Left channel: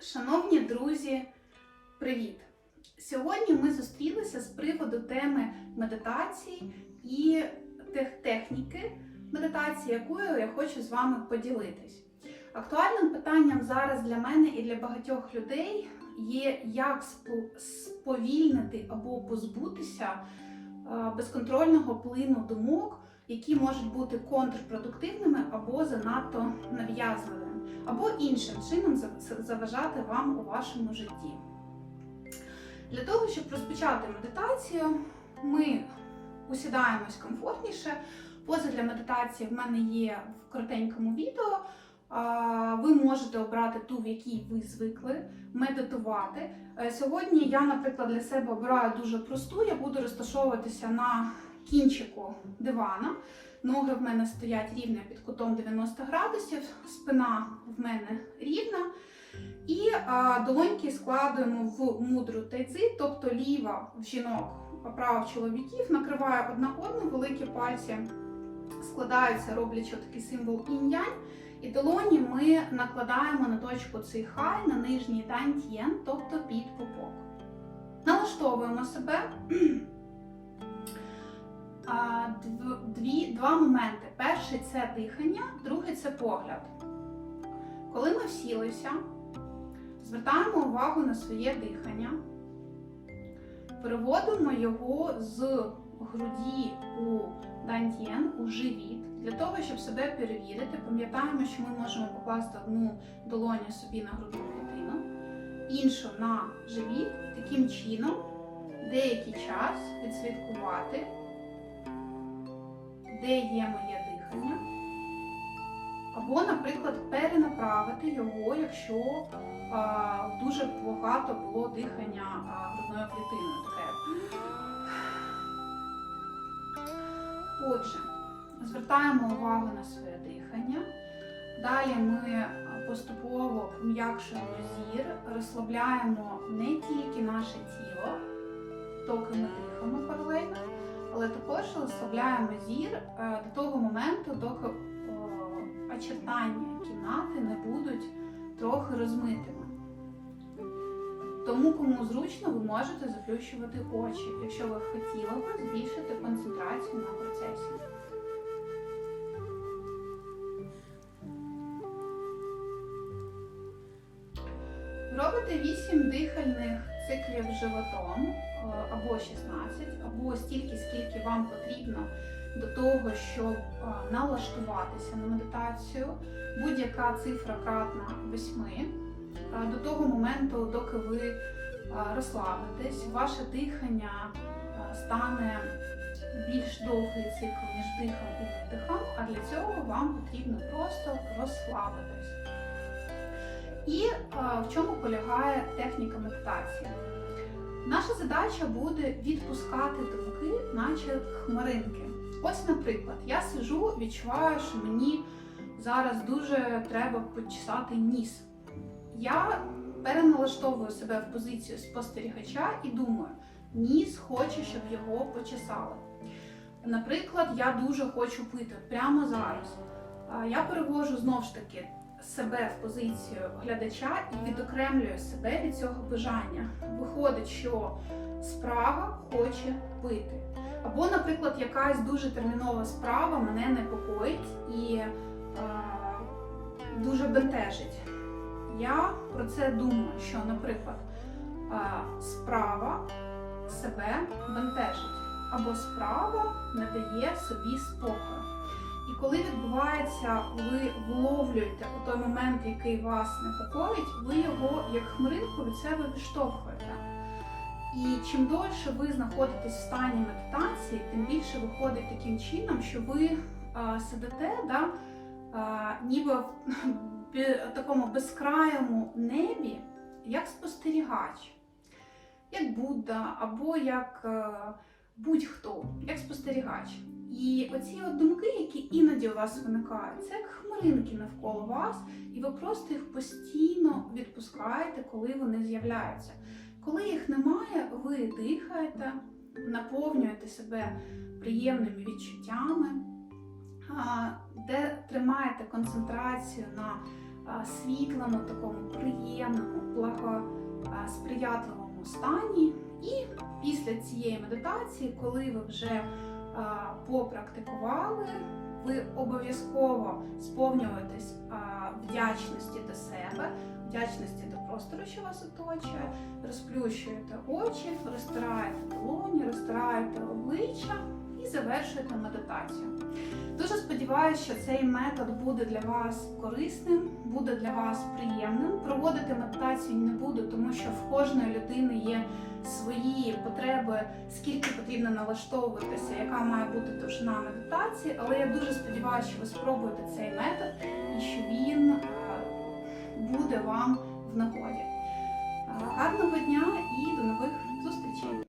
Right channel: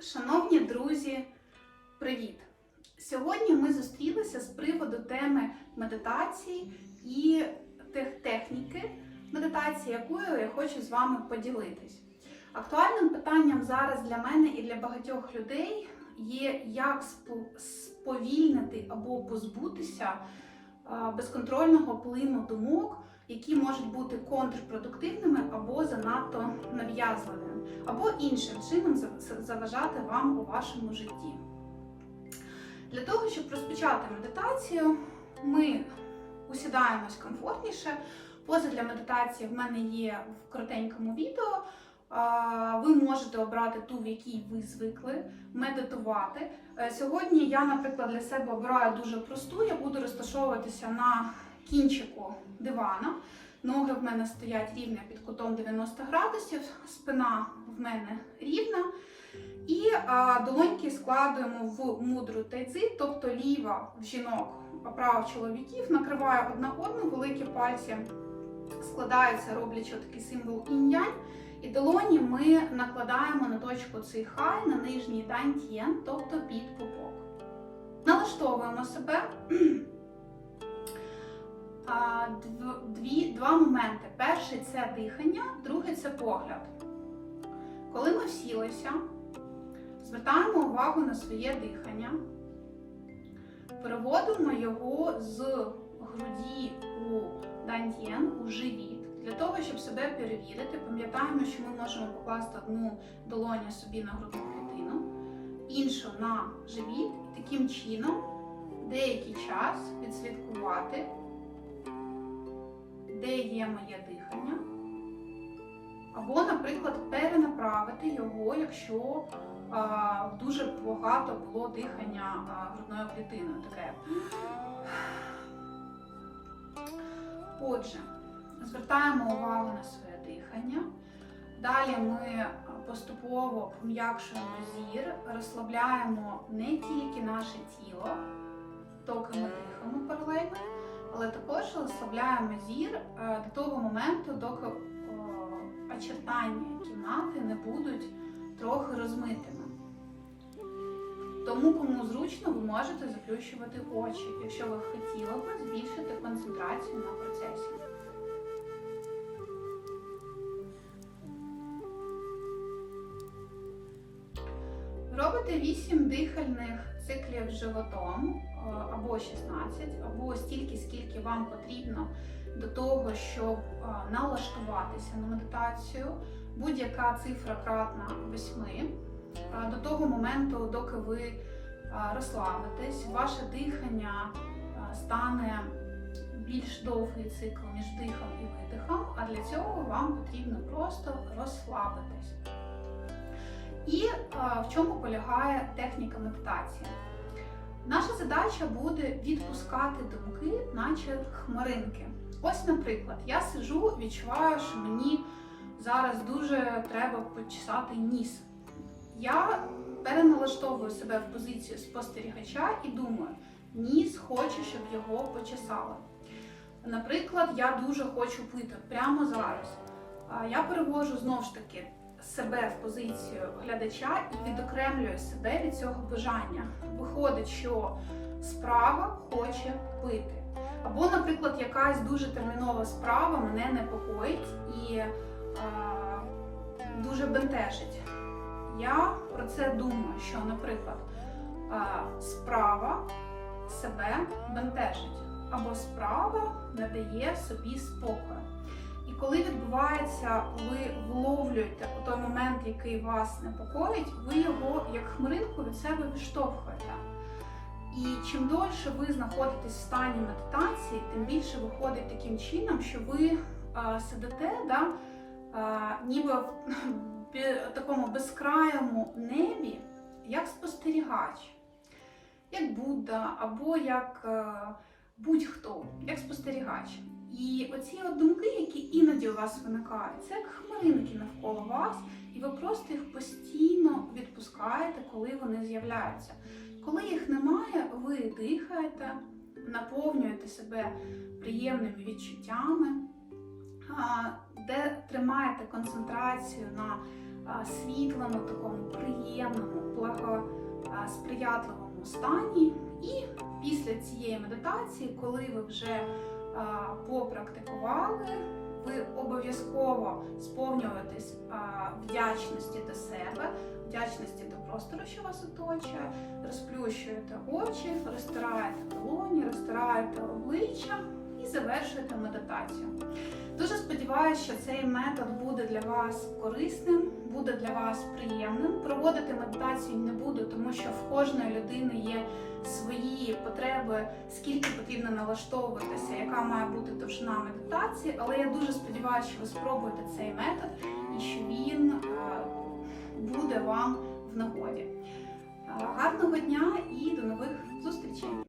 Шановні друзі, привіт! Сьогодні ми зустрілися з приводу теми медитації і тех- техніки медитації, якою я хочу з вами поділитись. Актуальним питанням зараз для мене і для багатьох людей є, як спо- сповільнити або позбутися безконтрольного плину думок, які можуть бути контрпродуктивними або занадто нав'язливими або іншим чином заважати вам у вашому житті. Для того, щоб розпочати медитацію, ми усідаємось комфортніше. Поза для медитації в мене є в коротенькому відео. Ви можете обрати ту, в якій ви звикли медитувати. Е, Сьогодні я, наприклад, для себе обираю дуже просту. Я буду розташовуватися на кінчику дивана. Ноги в мене стоять рівно під кутом 90 градусів, спина в мене рівна. І а, долоньки складуємо в мудру тайцзи, тобто ліва в жінок, а права в чоловіків, накриває одна одну, великі пальці складаються, роблячи такий символ інь-янь. І долоні ми накладаємо на точку цей хай на нижній тантьєн, тобто під пупок. Налаштовуємо себе. Дві, два моменти. Перший це дихання, другий це погляд. Коли ми всілися, звертаємо увагу на своє дихання, переводимо його з груді у дантьєн, у живіт. Для того, щоб себе перевірити, пам'ятаємо, що ми можемо покласти одну долоню собі на грудну клітину, іншу на живіт, таким чином деякий час відслідкувати де є моє дихання. Або, наприклад, перенаправити його, якщо а, дуже багато було дихання грудною клітиною. Таке. Отже, звертаємо увагу на своє дихання. Далі ми поступово пом'якшуємо зір, розслабляємо не тільки наше тіло, доки ми дихаємо паралельно, але також розслабляємо зір е, до того моменту, доки очертання кімнати не будуть трохи розмитими. Тому, кому зручно, ви можете заплющувати очі, якщо ви хотіли б збільшити концентрацію на процесі. Робите 8 дихальних циклів животом або 16, або стільки, скільки вам потрібно до того, щоб е, налаштуватися на медитацію. Будь-яка цифра кратна 8. Е, До того моменту, доки ви е, розслабитесь, ваше дихання е, стане більш довгий цикл між дихом і видихом, а для цього вам потрібно просто розслабитись. І е, в чому полягає техніка медитації? Наша задача буде відпускати думки, наче хмаринки. Ось, наприклад, я сижу, відчуваю, що мені зараз дуже треба почесати ніс. Я переналаштовую себе в позицію спостерігача і думаю, ніс хоче, щоб його почесали. Наприклад, я дуже хочу пити прямо зараз. Я перевожу знову ж таки себе в позицію глядача і відокремлюю себе від цього бажання. Виходить, що справа хоче пити. Або, наприклад, якась дуже термінова справа мене непокоїть і е, дуже бентежить. Я про це думаю, що, наприклад, е, справа себе бентежить, або справа не дає собі спокою. І коли відбувається, ви вловлюєте той момент, який вас непокоїть, ви його як хмаринку від себе відштовхуєте. І чим довше ви знаходитесь в стані медитації, тим більше виходить таким чином, що ви а, сидите, да, а, ніби в такому безкрайому небі, як спостерігач, як Будда або як будь-хто, як спостерігач. І оці от думки, які іноді у вас виникають, це як хмаринки навколо вас, і ви просто їх постійно відпускаєте, коли вони з'являються. Коли їх немає, ви дихаєте, наповнюєте себе приємними відчуттями, де тримаєте концентрацію на світлому, такому приємному, благосприятливому стані. І після цієї медитації, коли ви вже попрактикували, ви обов'язково сповнюєтесь вдячності до себе, вдячності до простору, що вас оточує, розплющуєте очі, розтираєте долоні, розтираєте обличчя і завершуєте медитацію. Дуже сподіваюся, що цей метод буде для вас корисним, буде для вас приємним. Проводити медитацію не буду, тому що в кожної людини є свої потреби, скільки потрібно налаштовуватися, яка має бути довжина медитації. Але я дуже сподіваюся, що ви спробуєте цей метод і що він е, буде вам в нагоді. Е, Гарного дня і до нових зустрічей!